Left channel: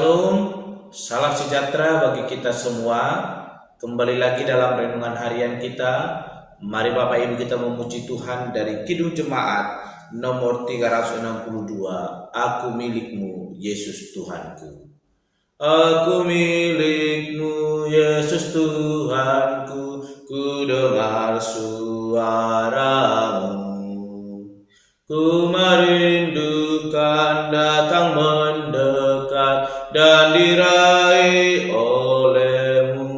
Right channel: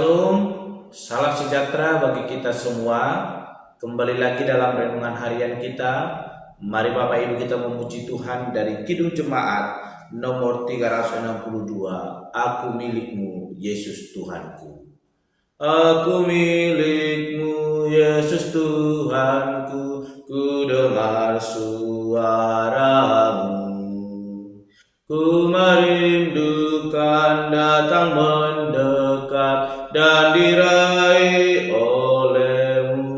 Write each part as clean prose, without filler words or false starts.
Shalom, salam sejahtera bagi kita semua. Kembali lagi dalam renungan harian kita. Mari Bapak Ibu kita memuji Tuhan dari Kidung Jemaat nomor 362. Aku milikmu, Yesus Tuhanku. Aku milikmu, Yesus Tuhanku, ku dengar suaramu. Ku merindukan datang mendekat dan diraih olehmu.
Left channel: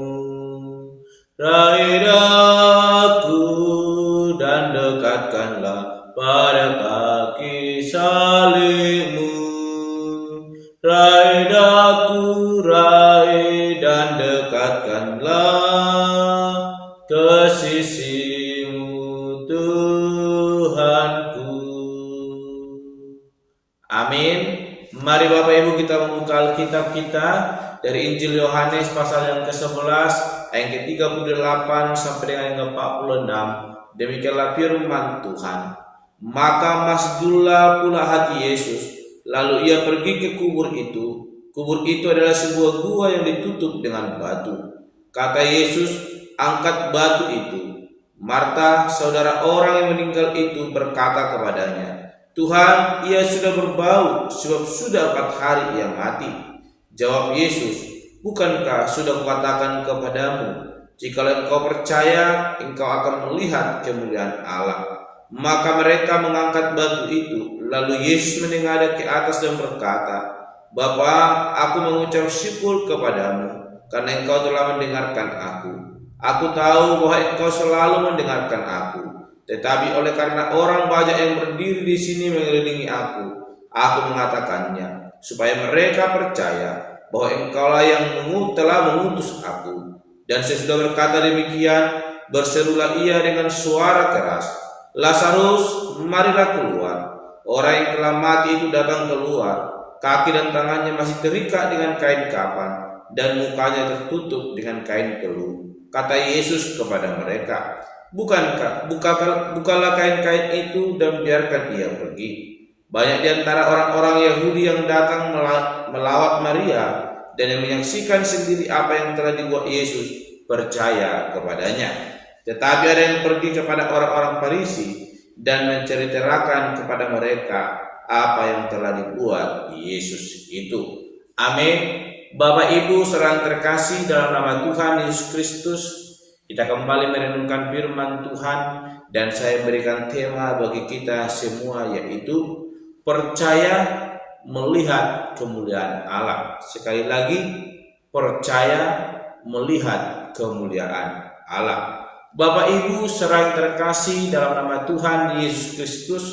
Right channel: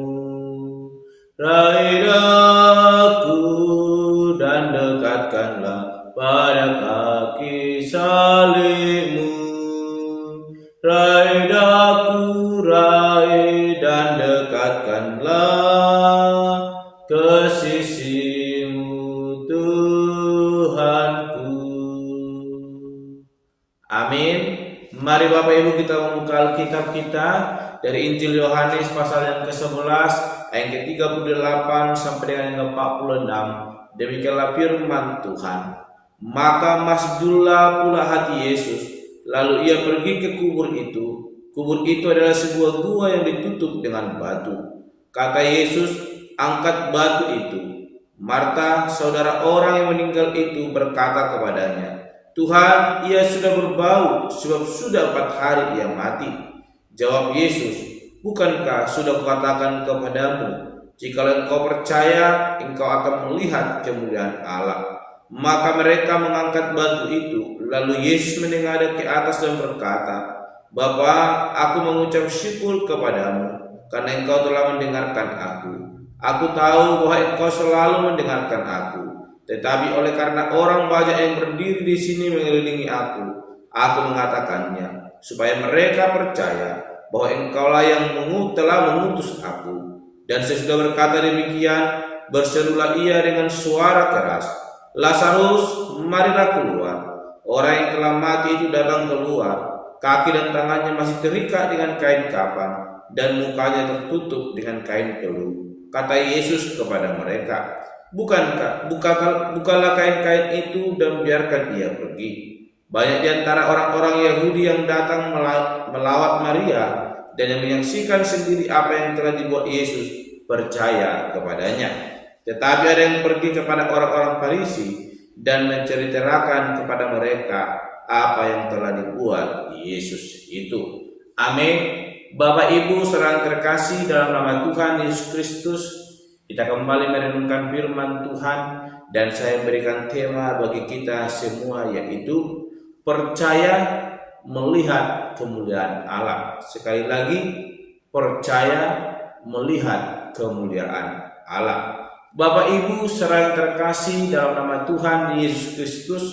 Raih aku dan dekatkanlah pada kaki salibmu. Raih aku, raih dan dekatkanlah ke sisimu, Tuhanku. Amin. Mari Bapak Ibu kita membuka Alkitab kita dari Injil Yohanes pasal yang ke-11 ayat ke-38 sampai dengan yang ke-46. Demikianlah firman Tuhan. Maka masjidlah pula hati Yesus, lalu ia pergi ke kubur itu. Kubur itu adalah sebuah gua yang ditutup dengan batu. Kata Yesus, angkat batu itu. Marta, saudara orang yang meninggal itu, berkata kepadanya, Tuhan, ia sudah berbau, sebab sudah 4 hari ia mati. Jawab Yesus, bukankah sudah kukatakan kepadamu, jikalau engkau percaya, engkau akan melihat kemuliaan Allah. Maka mereka mengangkat batu itu. Lalu Yesus menengadah ke atas dan berkata, Bapa, aku mengucap syukur kepadamu, karena engkau telah mendengarkan aku. Aku tahu bahwa engkau selalu mendengarkan aku. Tetapi oleh karena orang banyak yang berdiri di sini mengelilingi aku mengatakannya, supaya mereka percaya bahwa engkaulah yang telah mengutus aku. Dan sesudah berkata demikian, berserulah ia dengan suara keras, Lazarus, marilah keluar. Orang yang telah mati itu datang keluar, kaki dan tangannya masih terikat dengan kain kapan, dan mukanya tertutup dengan kain keluh. Kata Yesus kepada mereka, bukalah kain-kain itu dan biarkan ia pergi. Banyak di antara orang-orang Yahudi yang datang melawat Maria dan yang menyaksikan sendiri apa yang telah dibuat Yesus percaya kepadanya. Tetapi ada yang pergi kepada orang-orang Farisi dan menceritakan kepada mereka apa yang telah dibuat Yesus itu. Amin. Bapak Ibu saudara terkasih, dalam nama Tuhan Yesus Kristus, kita kembali merenungkan firman Tuhan, dan saya berikan tema bagi kita semua, yaitu percaya melihat kemuliaan Allah. Sekali lagi, percaya melihat kemuliaan Allah. Bapak Ibu saudara terkasih, dalam nama Tuhan Yesus Kristus,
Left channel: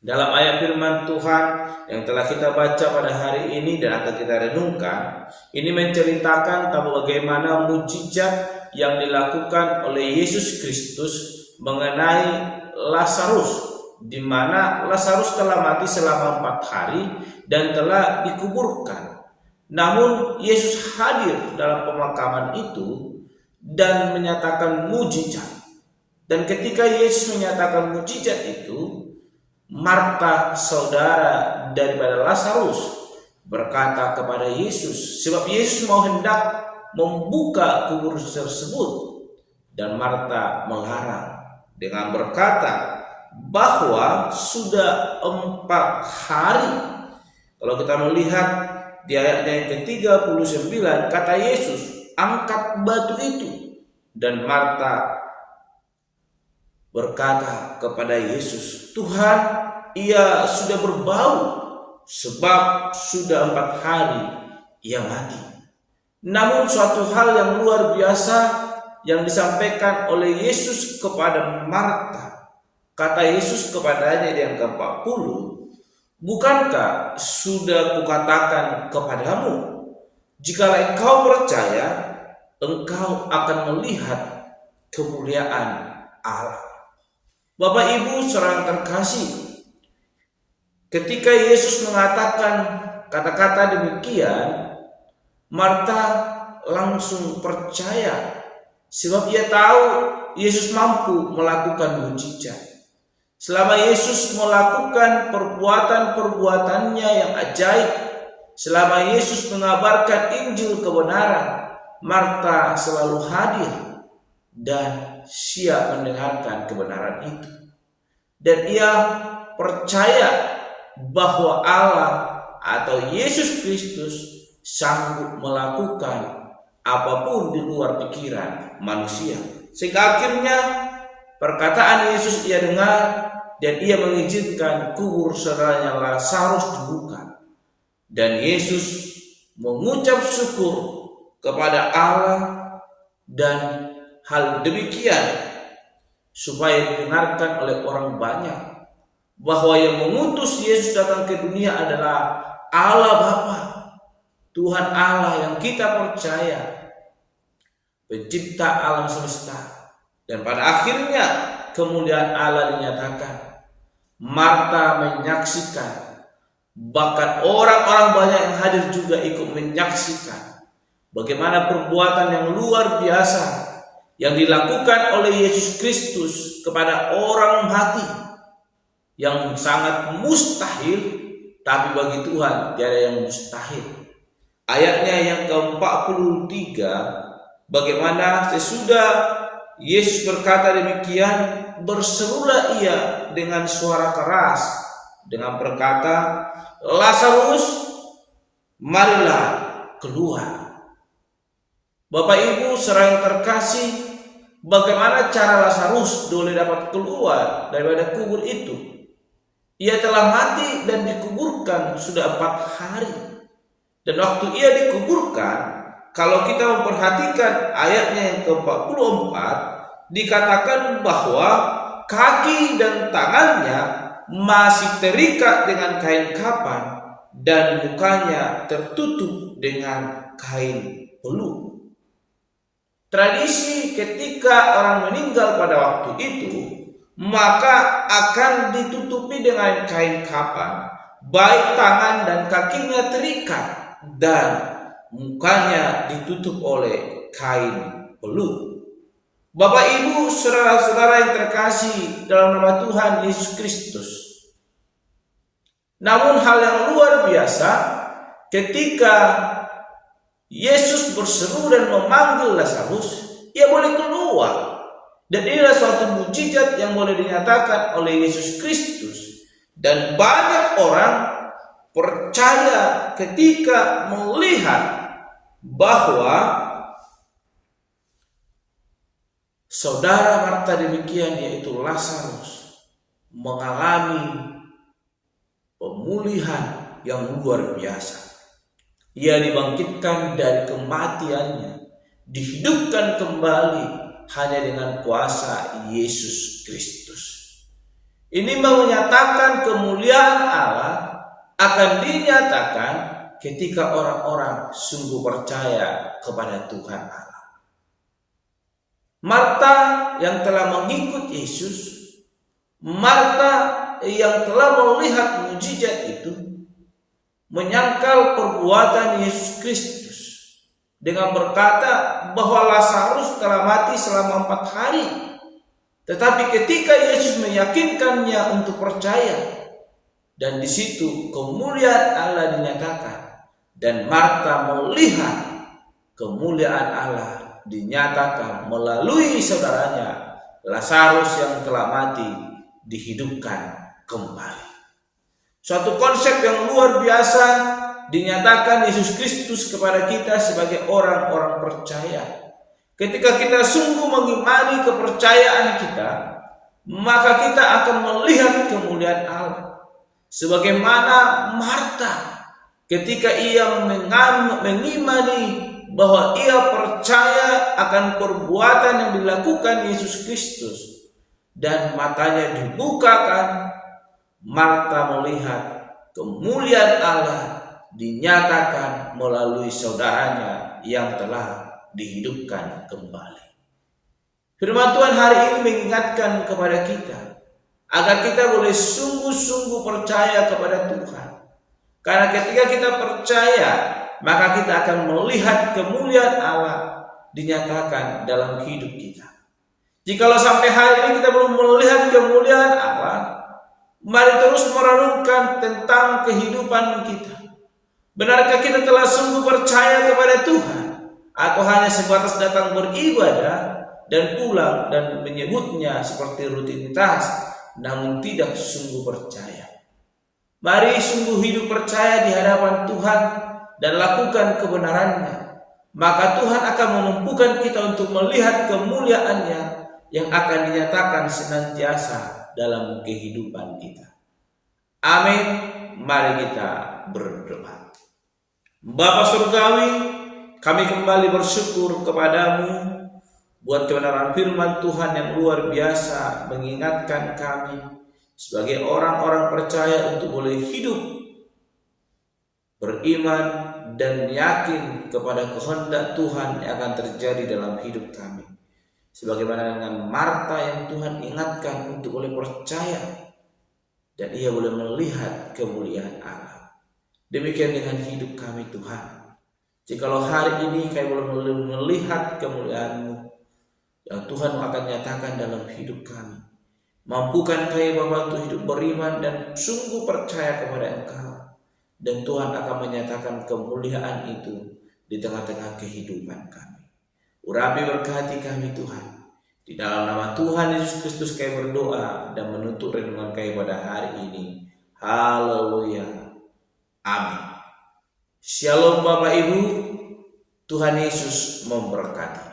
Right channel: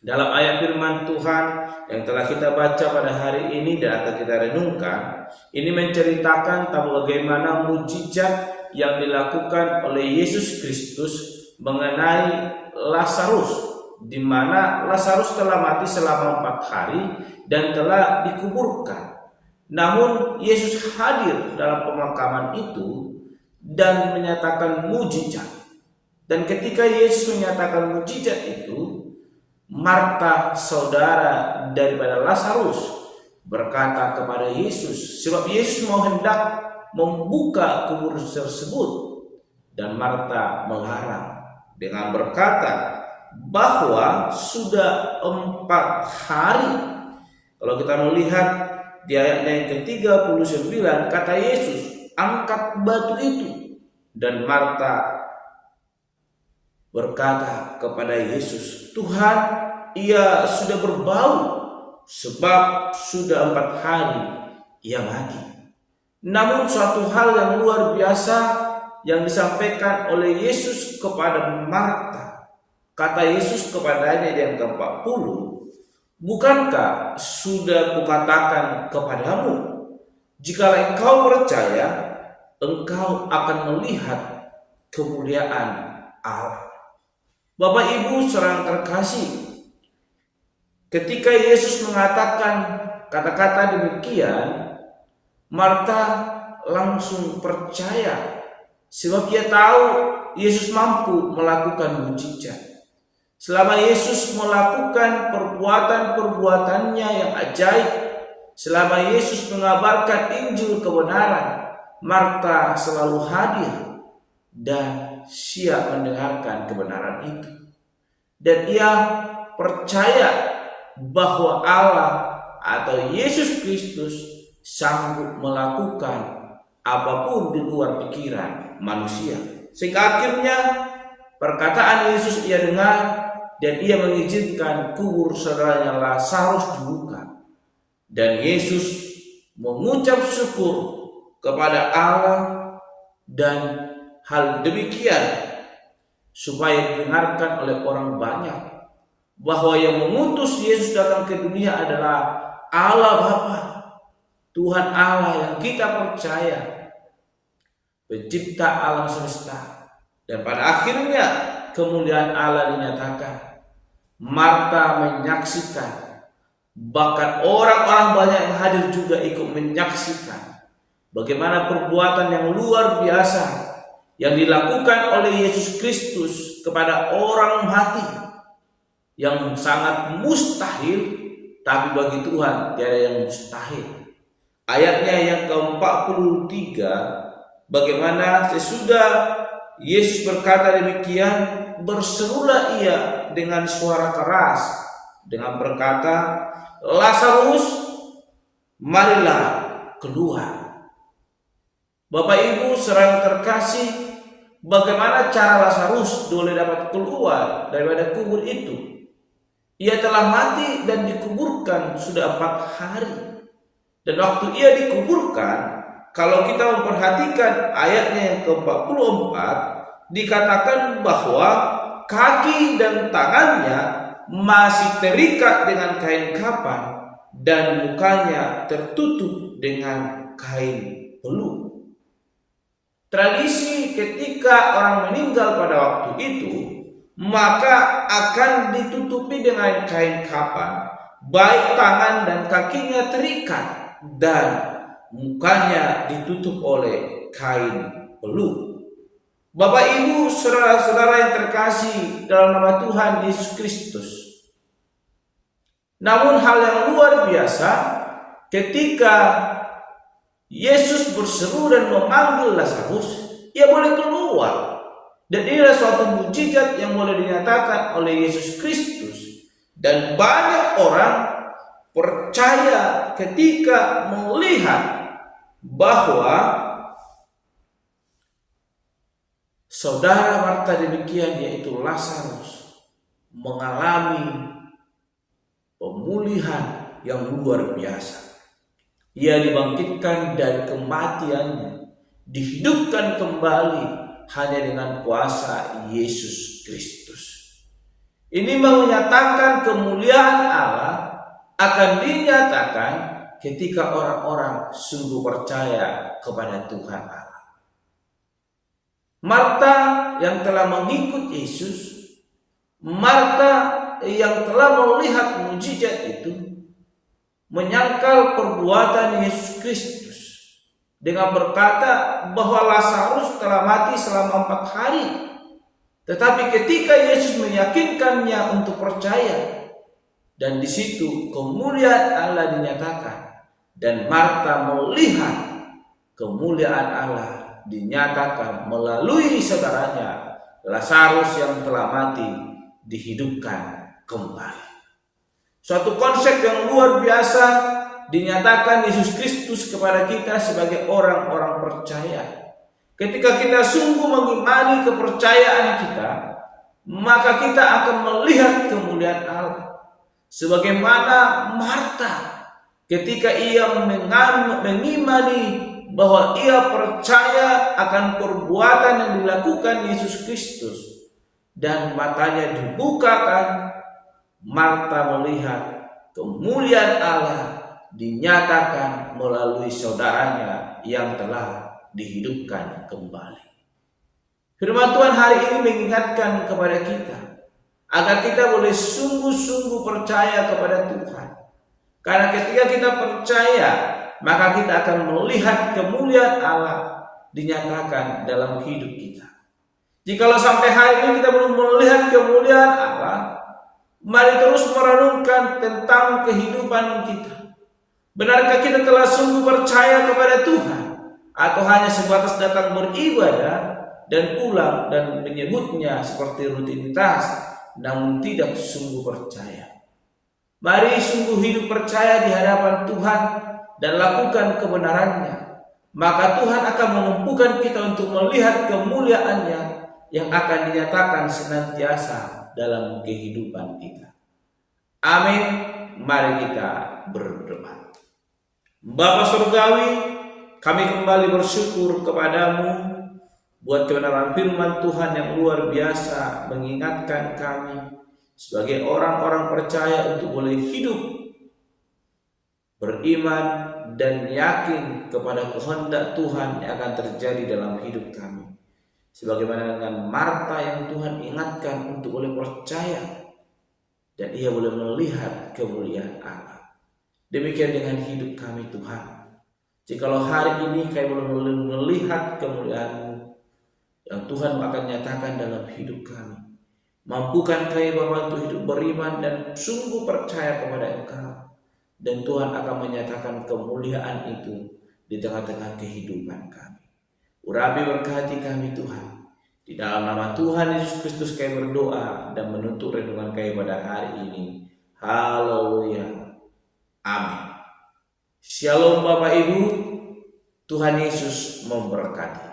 dalam ayat firman Tuhan yang telah kita baca pada hari ini dan akan kita renungkan, ini menceritakan tentang bagaimana mujizat yang dilakukan oleh Yesus Kristus mengenai Lazarus, di mana Lazarus telah mati selama 4 hari dan telah dikuburkan. Namun Yesus hadir dalam pemakaman itu dan menyatakan mujizat. Dan ketika Yesus menyatakan mujizat itu, Marta, saudara daripada Lazarus, berkata kepada Yesus, sebab Yesus mau hendak membuka kubur tersebut, dan Marta melarang dengan berkata bahwa sudah 4 hari. Kalau kita melihat di ayat yang ke-39, kata Yesus, angkat batu itu, dan Marta berkata kepada Yesus, Tuhan, ia sudah berbau, sebab sudah 4 hari ia mati. Namun suatu hal yang luar biasa yang disampaikan oleh Yesus kepada Marta. Kata Yesus kepadanya di yang ke-40, bukankah sudah kukatakan kepadamu, jika engkau percaya, engkau akan melihat kemuliaan Allah. Bapak Ibu saudara terkasih, ketika Yesus mengatakan kata-kata demikian, Marta langsung percaya, sebab ia tahu Yesus mampu melakukan mujizat. Selama Yesus melakukan perbuatan-perbuatannya yang ajaib, Selama Yesus mengabarkan Injil kebenaran, Marta selalu hadir dan siap mendengarkan kebenaran itu. Dan ia percaya bahwa Allah atau Yesus Kristus sanggup melakukan apapun di luar pikiran manusia. Sehingga akhirnya perkataan Yesus ia dengar dan ia mengizinkan kubur saudaranya Lazarus dibuka. Dan Yesus mengucap syukur kepada Allah, dan hal demikian supaya didengarkan oleh orang banyak bahwa yang mengutus Yesus datang ke dunia adalah Allah Bapa, Tuhan Allah yang kita percaya, pencipta alam semesta. Dan pada akhirnya kemuliaan Allah dinyatakan. Marta menyaksikan, bahkan orang-orang banyak yang hadir juga ikut menyaksikan bagaimana perbuatan yang luar biasa yang dilakukan oleh Yesus Kristus kepada orang mati, yang sangat mustahil, tapi bagi Tuhan tiada yang mustahil. Ayatnya yang ke-43, bagaimana sesudah Yesus berkata demikian, berserulah ia dengan suara keras dengan berkata, Lazarus, marilah keluar. Bapak Ibu saudara terkasih, bagaimana cara Lazarus boleh dapat keluar daripada kubur itu? Ia telah mati dan dikuburkan sudah 4 hari. Dan waktu ia dikuburkan, kalau kita memperhatikan ayatnya yang ke-44, dikatakan bahwa kaki dan tangannya masih terikat dengan kain kapan dan mukanya tertutup dengan kain peluk. Tradisi ketika orang meninggal pada waktu itu, maka akan ditutupi dengan kain kapan, baik tangan dan kakinya terikat dan mukanya ditutup oleh kain peluk. Bapak Ibu saudara-saudara yang terkasih dalam nama Tuhan Yesus Kristus. Namun hal yang luar biasa ketika Yesus berseru dan memanggil Lazarus, ia boleh keluar. Dan inilah suatu mukjizat yang boleh dinyatakan oleh Yesus Kristus. Dan banyak orang percaya ketika melihat bahwa saudara Marta demikian, yaitu Lazarus, mengalami pemulihan yang luar biasa. Ia dibangkitkan dari kematiannya, dihidupkan kembali hanya dengan kuasa Yesus Kristus. Ini menyatakan kemuliaan Allah akan dinyatakan ketika orang-orang sungguh percaya kepada Tuhan Allah. Marta yang telah mengikut Yesus, Marta yang telah melihat mukjizat itu, menyangkal perbuatan Yesus Kristus dengan berkata bahwa Lazarus telah mati selama 4 hari. Tetapi ketika Yesus meyakinkannya untuk percaya, dan di situ kemuliaan Allah dinyatakan, dan Marta melihat kemuliaan Allah dinyatakan melalui saudaranya Lazarus yang telah mati dihidupkan kembali. Suatu konsep yang luar biasa dinyatakan Yesus Kristus kepada kita sebagai orang-orang percaya. Ketika kita sungguh mengimani kepercayaan kita, maka kita akan melihat kemuliaan Allah. Sebagaimana Marta ketika ia mengimani bahwa ia percaya akan perbuatan yang dilakukan Yesus Kristus dan matanya dibukakan, Marta melihat kemuliaan Allah dinyatakan melalui saudaranya yang telah dihidupkan kembali. Firman Tuhan hari ini mengingatkan kepada kita agar kita boleh sungguh-sungguh percaya kepada Tuhan. Karena ketika kita percaya, maka kita akan melihat kemuliaan Allah dinyatakan dalam hidup kita. Jikalau sampai hari ini kita belum melihat kemuliaan Allah, mari terus merenungkan tentang kehidupan kita. Benarkah kita telah sungguh percaya kepada Tuhan, atau hanya sebatas datang beribadah dan pulang dan menyebutnya seperti rutinitas, namun tidak sungguh percaya? Mari sungguh hidup percaya di hadapan Tuhan dan lakukan kebenarannya. Maka Tuhan akan memampukan kita untuk melihat kemuliaan-Nya yang akan dinyatakan senantiasa dalam kehidupan kita. Amin. Mari kita berdoa. Bapa Surgawi, kami kembali bersyukur kepadamu buat kebenaran firman Tuhan yang luar biasa, mengingatkan kami sebagai orang-orang percaya untuk boleh hidup beriman dan yakin kepada kehendak Tuhan yang akan terjadi dalam hidup kami. Sebagaimana dengan Marta yang Tuhan ingatkan untuk boleh percaya dan ia boleh melihat kemuliaan Allah. Demikian dengan hidup kami Tuhan. Jikalau hari ini kami boleh melihat kemuliaan-Mu yang Tuhan akan nyatakan dalam hidup kami, mampukan kami Bapa untuk hidup beriman dan sungguh percaya kepada Engkau, dan Tuhan akan menyatakan kemuliaan itu di tengah-tengah kehidupan kami. Urapi berkati kami Tuhan. Di dalam nama Tuhan Yesus Kristus kami berdoa dan menutup renungan kami pada hari ini. Haleluya. Amin. Shalom Bapak Ibu. Tuhan Yesus memberkati.